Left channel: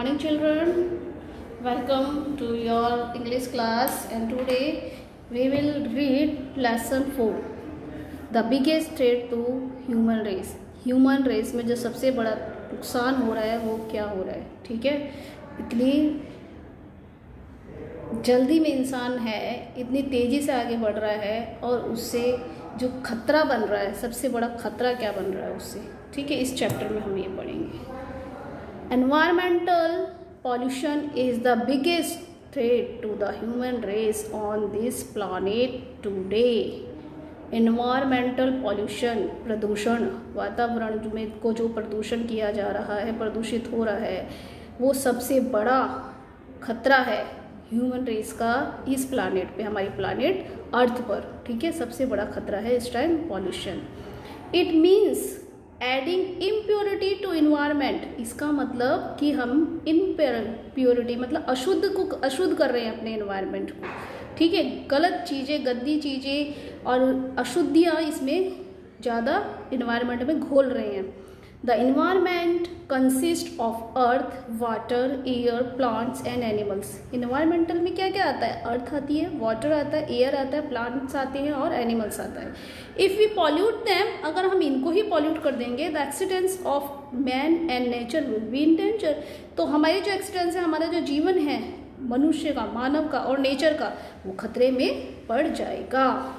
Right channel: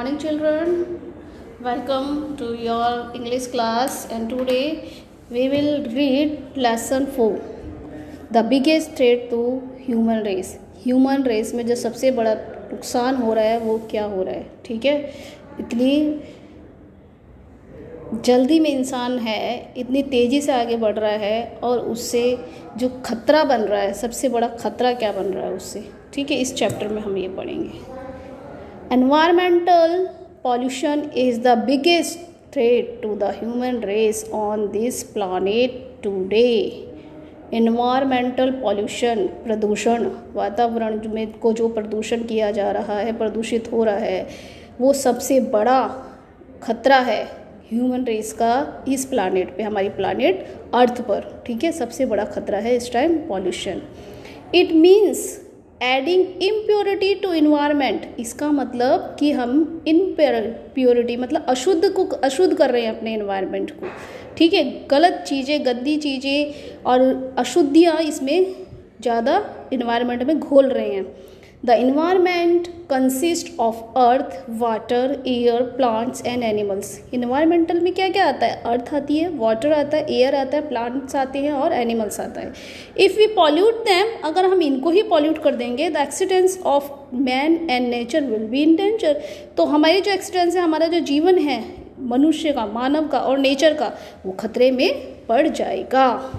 Morning children, welcome to your English class and today we will read lesson 4 the biggest threat to human race. Human race में जो सबसे बड़ा नुकसान हो रहा है वो क्या हो रहा है, ठीक है। इतनी जल्दी में इंसान है, इतनी तेज़ी से आगे बढ़ रहा है और उससे जो खतरा बन रहा है, सबसे बड़ा खतरा क्या बन रहा है उससे, ठीक है। इस चैप्टर में हम ये पढ़ेंगे। Environmental pollution is the biggest threat to the human race on this planet today. Environmental pollution, प्रदूषण, वातावरण में को जो प्रदूषण किया जा रहा है, प्रदूषित हो रहा है, वो सबसे बड़ा खतरा है ह्यूमन रेस का इस प्लानेट पे, हमारी प्लानेट अर्थ पर, ठीक है। सबसे बड़ा खतरा है इस time pollution. It means adding impurity to environment. इसका मतलब कि हम इम्प्योरिटी मतलब अशुद्ध कर रहे हैं अपने इन्वायरमेंट को, ठीक है। गलत चीज़ें, गंदी चीज़ें और अशुद्धियाँ इसमें ज़्यादा इन्वायरमेंट में घोल रहे हैं। The environment consist of earth, water, air, plants and animals. Environmental में क्या क्या आता है? अर्थ आती है, वाटर आता है, एयर आता है, प्लांट्स आते हैं और एनिमल्स आता है। इफ़ वी पॉल्यूट देम, अगर हम इनको ही पॉल्यूट कर देंगे, the accidents of man and nature will be in danger. तो हमारे जो एक्सीडेंट्स है, हमारा जो जीवन है मनुष्य का, मानव का और नेचर का, वो खतरे में पड़ जाएगा।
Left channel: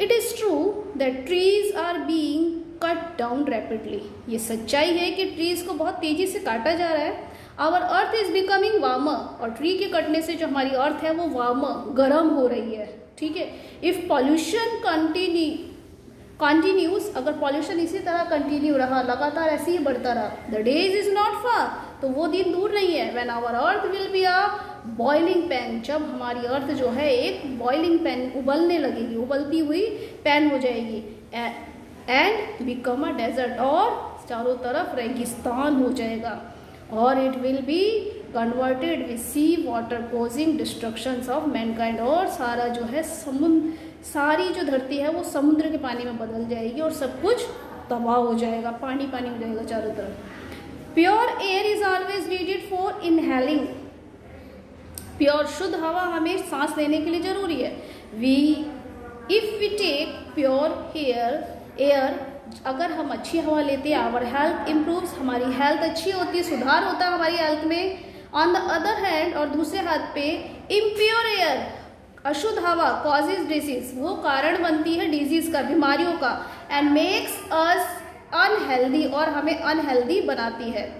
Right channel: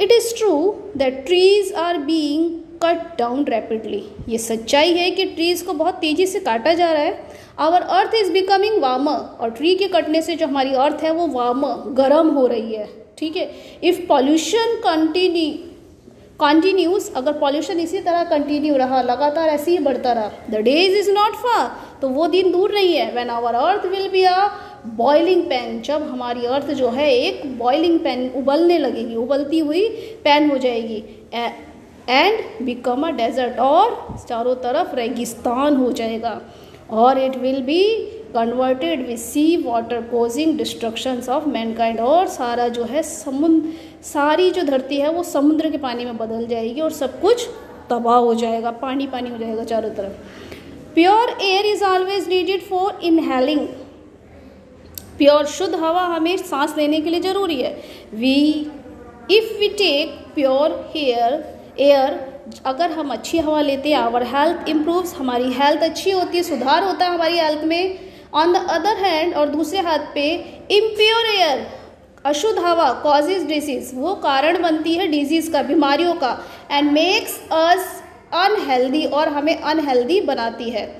It is true that trees are being cut down rapidly. ये सच्चाई है कि ट्रीज को बहुत तेजी से काटा जा रहा है। Our earth is becoming warmer, और ट्री के कटने से जो हमारी अर्थ है वो वार्मर, गर्म हो रही है, ठीक है। इफ पॉल्यूशन कंटिन्यूज, अगर पॉल्यूशन इसी तरह कंटिन्यू रहा, लगातार ऐसे ही बढ़ता रहा, the days is not far, तो वो दिन दूर नहीं है। When our earth will be a boiling pan, जब हमारी अर्थ जो है एक बॉइलिंग पैन, उबलने लगेगी, उबलती हुई पैन हो जाएगी, एंड बिकम अ डेजर्ट, और चारों तरफ रेगिस्तान हो जाएगा। और it will be converted with sea water causing destructions of mankind, और सारा जो है समुद्र, सारी जो धरती है वो समुद्र के पानी में बदल जाएगी और सब कुछ तबाह हो जाएगा, पानी पानी हो जाएगा चारों तरफ। Pure air is always needed for inhaling. Pure शुद्ध हवा हमें सांस लेने के लिए जरूरी है। If we take pure air, अगर हम अच्छी हवा लेते हैं, आवर हेल्थ इम्प्रूव्स, हमारी हेल्थ अच्छी होती है, सुधार होता है हमारी हेल्थ में। ऑन द अदर हैंड, और दूसरे हाथ पे इम्प्योर एयर, अशुद्ध हवा, कॉजेज डिजीज, वो कारण बनती है डिजीज का, बीमारियों का, एंड मेक्स अस अनहेल्दी, और हमें अनहेल्दी बनाती है।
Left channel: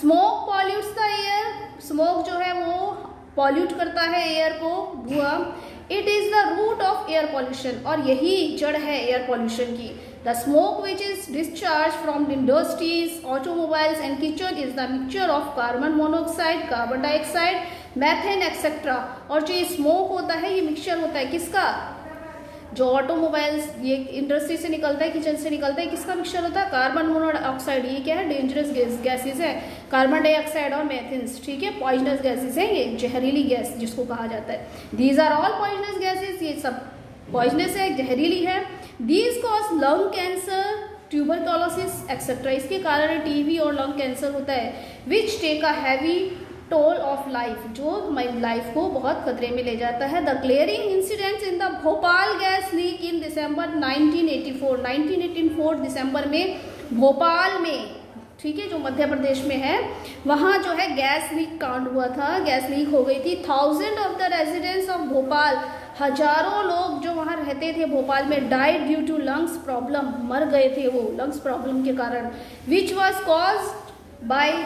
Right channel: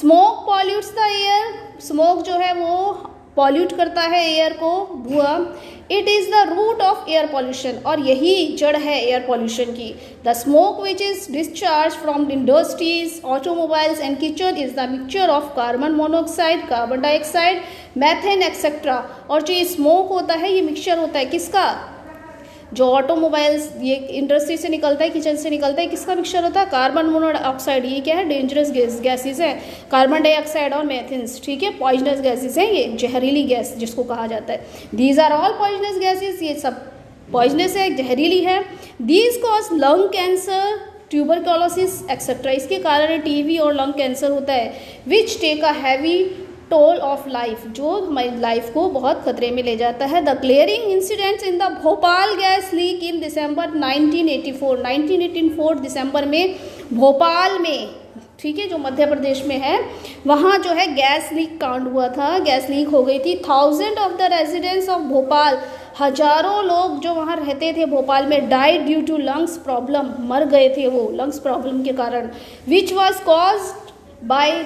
Smoke pollutes the air, smoke जो है वो पॉल्यूट करता है एयर को, धुआं। It is the root of air pollution, और यही जड़ है एयर पॉल्यूशन की। The smoke which is discharge from industries, automobiles and kitchen is the mixture of carbon monoxide, carbon dioxide, methane etcetera. और जो ये स्मोक होता है, ये मिक्सचर होता है किसका? जो ऑटोमोबाइल्स, ये इंडस्ट्री से निकलता है, किचन से निकलता है, किसका मिक्सचर होता है? Carbon monoxide. ये क्या है? डेंजरस गैसेस है, कार्बन डाइऑक्साइड और मेथेन्स, ठीक है, पॉइजनस गैसेस हैं, ये जहरीली गैस जिसको कहा जाता है। These are all poisonous gases, ये सब पॉइजनस है, जहरीली है। These cause lung cancer, tuberculosis etcetera, इसके कारण टीबी और लंग कैंसर होता है। Which take a heavy toll of life, जो हमारी लाइफ को बहुत खतरे में ले जाता है। The clearing incidents in the Bhopal gas leak in December 1984 दिसंबर में भोपाल में, ठीक है, जो मध्य प्रदेश में है, वहाँ जो है गैस लीक कांड हुआ था, गैस लीक हो गई थी। 1000 of the residents of Bhopal, हजारों लोग जो वहाँ रहते थे भोपाल में, died due to lungs problem, मर गए थे वो लंग्स प्रॉब्लम के कारण। Which was caused by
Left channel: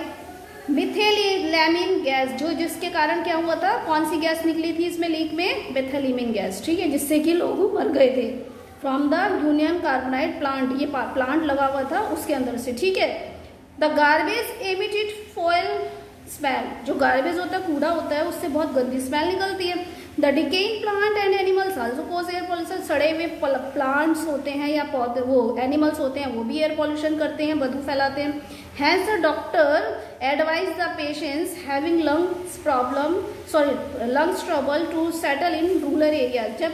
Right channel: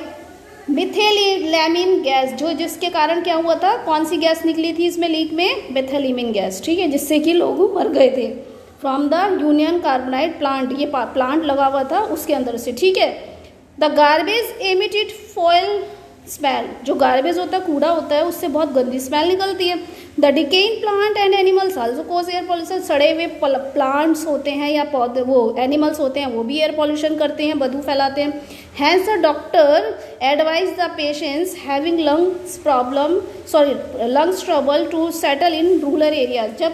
methylamine gas, जो जिसके कारण क्या हुआ था, कौन सी गैस निकली थी इसमें लीक में? मिथेलिमिन गैस, ठीक है, जिससे कि लोग मर गए थे। फ्रॉम द यूनियन कार्बोनाइड प्लांट, ये प्लांट लगा हुआ था उसके अंदर से, ठीक है। The garbage emitted foil smell, जो गार्बेज होता है, कूड़ा होता है, उससे बहुत गंदी स्मेल निकलती है। The decaying plant and animals also cause air pollution, सड़े हुए प्लांट्स होते हैं या पौधे, वो एनिमल्स होते हैं, वो भी एयर पॉल्यूशन करते हैं, बदबू फैलाते हैं। Hence the doctor advise the patients having lungs trouble to settle in rural area. जब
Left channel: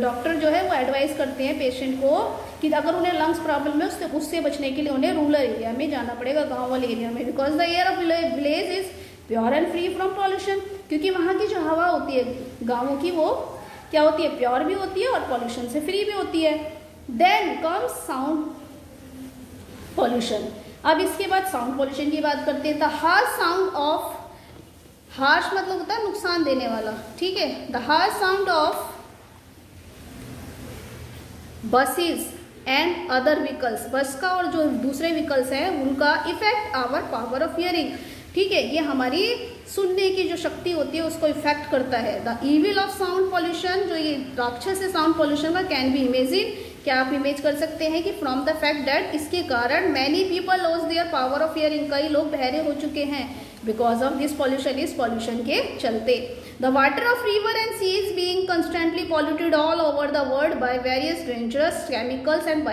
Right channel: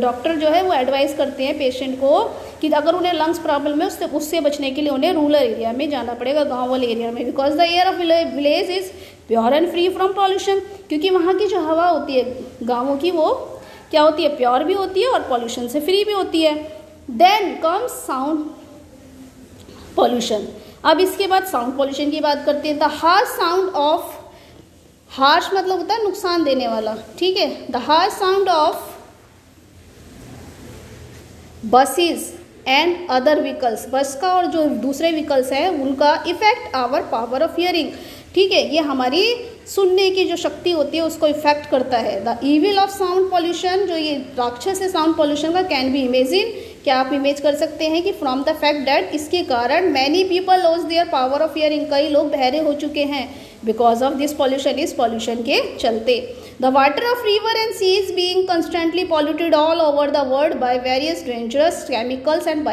डॉक्टर जो है वो एडवाइस करते हैं पेशेंट को कि अगर उन्हें लंग्स प्रॉब्लम है उससे बचने के लिए उन्हें रूरल एरिया में जाना पड़ेगा, गांव वाले एरिया में, because the air of village is pure and free from pollution, क्योंकि वहाँ की जो हवा होती है गाँवों की वो क्या होती है, प्योर भी होती है और पॉल्यूशन से फ्री भी होती है। Then comes sound pollution. अब इसके बाद साउंड पॉल्यूशन की बात करते हैं। The harsh sound of, harsh मतलब होता है नुकसान देने वाला, ठीक है। The harsh sound of buses and other vehicles, bus का और जो दूसरे व्हीकल्स हैं उनका effect our power of hearing, ठीक है। ये हमारी सुनने की जो शक्ति होती है उसको इफेक्ट करता है। The evil of sound pollution, जो ये राक्षस है साउंड पॉल्यूशन का, कैन बी इमेजिन, क्या आप इमेज कर सकते हैं कि फ्रॉम द फैक्ट दैट, इसके कारण many people loss their power of hearing, कई लोग बहरे हो चुके हैं बिकॉज ऑफ दिस पॉल्यूशन, इस पॉल्यूशन के चलते। The water of river and seas being constantly polluted all over the world by various dangerous chemicals and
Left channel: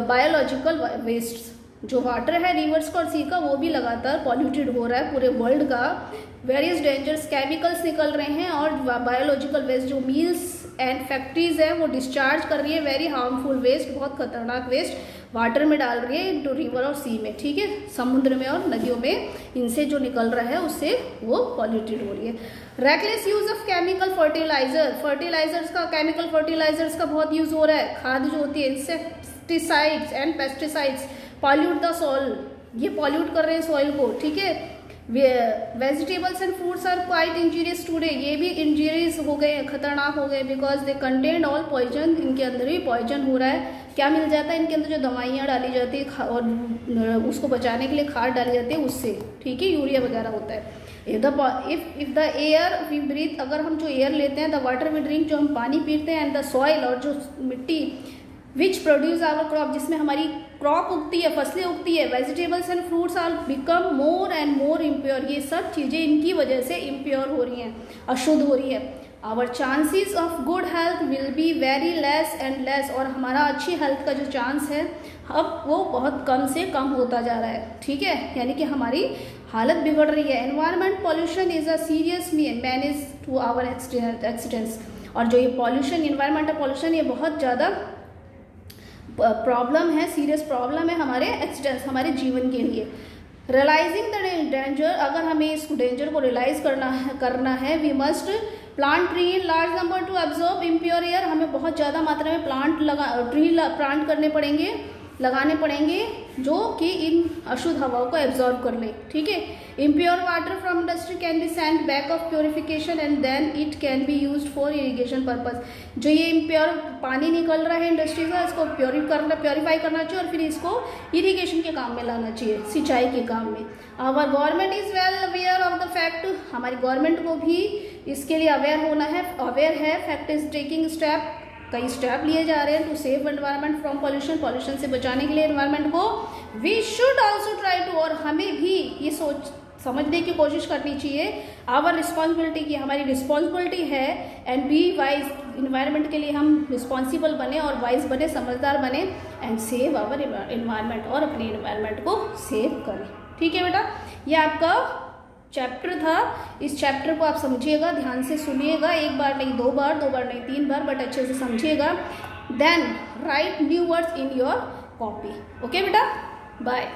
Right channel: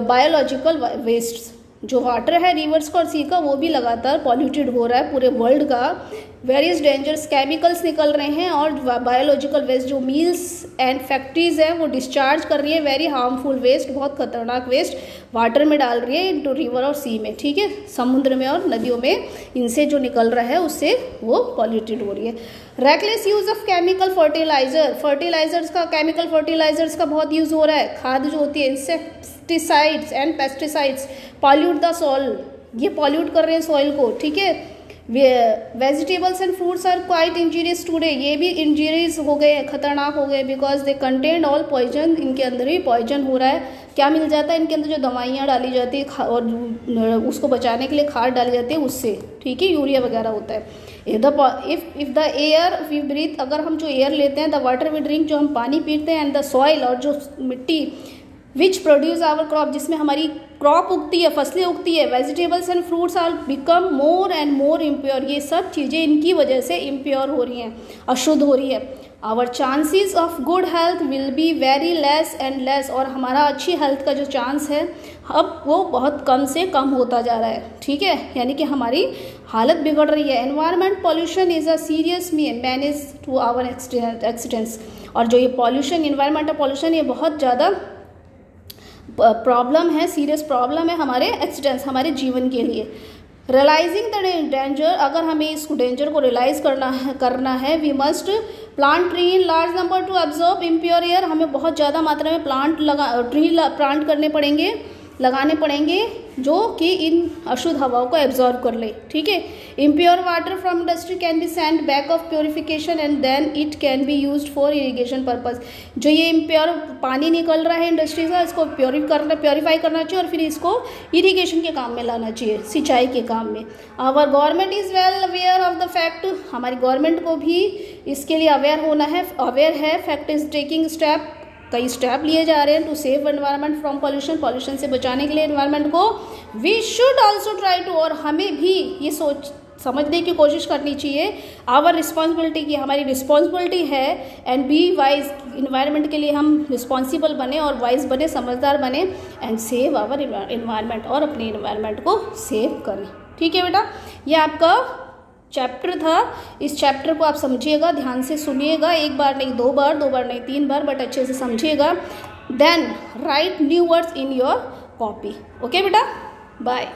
biological waste, जो वाटर है रिवर्स का और सी का वो भी लगातार पॉल्यूटेड हो रहा है पूरे वर्ल्ड का। वेरियस डेंजरस केमिकल्स निकल रहे हैं और बायोलॉजिकल वेस्ट जो मिल्स एंड फैक्ट्रीज हैं वो डिस्चार्ज कर रही है वेरी हार्मफुल वेस्ट, बहुत खतरनाक वेस्ट वाटर में डाल रही है इनटू रिवर और सी में, ठीक है, समुद्र में और नदियों में इनसे जो निकल रहा है उससे वो पॉल्यूटेड हो रही है। Reckless use of chemical fertiliser, fertilisers का, केमिकल फर्टिलाइजर्स का बहुत यूज हो रहा है। खाद जो होती है, insecticides and pesticides pollute the soil, ये पॉल्यूट कर रहे हैं सॉइल को, ठीक है। Vegetables and fruits are quite injurious today, ये भी इंजीरियस हो गए, खतरनाक हो गए, because they content all poison, इनके अंदर भी पॉइजन हो रहा है। क्या मिल जाता है इनके अंदर, जो दवाइयाँ डाली जाती है और उसको बचाने के लिए खाद डाली जाती है उससे, ठीक है, यूरिया वगैरह होता है। If the air we breathe, अगर हम जो एयर लेते हैं, द वाटर वी ड्रिंक, जो हम पानी पीते हैं, एंड द सॉइल, और जो मिट्टी, विच प्रोड्यूस आवर क्रॉप, जिसमें हमारी क्रॉप उगती है, फसलें उगती है, vegetables and fruits are become more and more impure, ये सब चीज़ें इनकी वजह से इम्प्योर हो रही हैं, अशुद्ध हो रही है। Our chances of good health will be very less and less, और हमारा अच्छी हेल्थ का जो चांस है अब वो बहुत कम से कम होता जा रहा है, ठीक है, यानी कि हमारी हालत बिगड़ रही है। Environment pollution is a serious manage to our accidents, और जो ये पॉल्यूशन, एनवायरमेंटल पॉल्यूशन, ये बहुत ज़्यादा प्रॉब्लम है, सीरियस प्रॉब्लम है हमारे एक्सीडेंट्स, हमारे जीवन के लिए। रियलाइजिंग द डेंजर, अगर हमें इस डेंजर को रियलाइज करना है we must plant tree in large number to absorb impure air, हमें बहुत ज़्यादा मात्रा में ट्री प्लांट करने पड़ेंगे, लगाने पड़ेंगे, जो कि इन अशुद्ध हवाओं को एब्जॉर्ब कर ले, ठीक है। Impure water from industry can be sent back of purification and then it can be used for irrigation purpose, जो ये इम्प्योर पानी निकल रहा है इंडस्ट्री का, इसको प्योरीफाई करना चाहिए और फिर इसको इरिगेशन के काम में लाना चाहिए, सिंचाई के काम में। Our government is well aware of the fact, हमारी गवर्नमेंट को भी इसके लिए अवेयर है, फैक्ट इज टेकिंग स्टेप, कई स्टेप लिए जा रहे हैं to save environment from pollution, pollution से बचाने के लिए एनवायरनमेंट को। We should also try to, और हमें भी ये समझने की कोशिश करनी चाहिए, आवर रिस्पॉन्सिबिलिटी की, हमारी रिस्पॉन्सिबिलिटी है, एंड बी वाइज, इन्वायरमेंट के लिए हम रिस्पॉन्सिबल बने और वाइज बने, समझदार बने, एंड सेव आवर इन्वायरमेंट, और अपने इन्वायरमेंट को सेव करें, ठीक है बेटा। ये आपका चैप्टर था, इस चैप्टर को आप समझिएगा, ध्यान से सुनिएगा, एक बार नहीं, दो बार नहीं, 3 बार, बट अच्छे से समझिएगा। Then write new words in your copy, okay बेटा, बाय।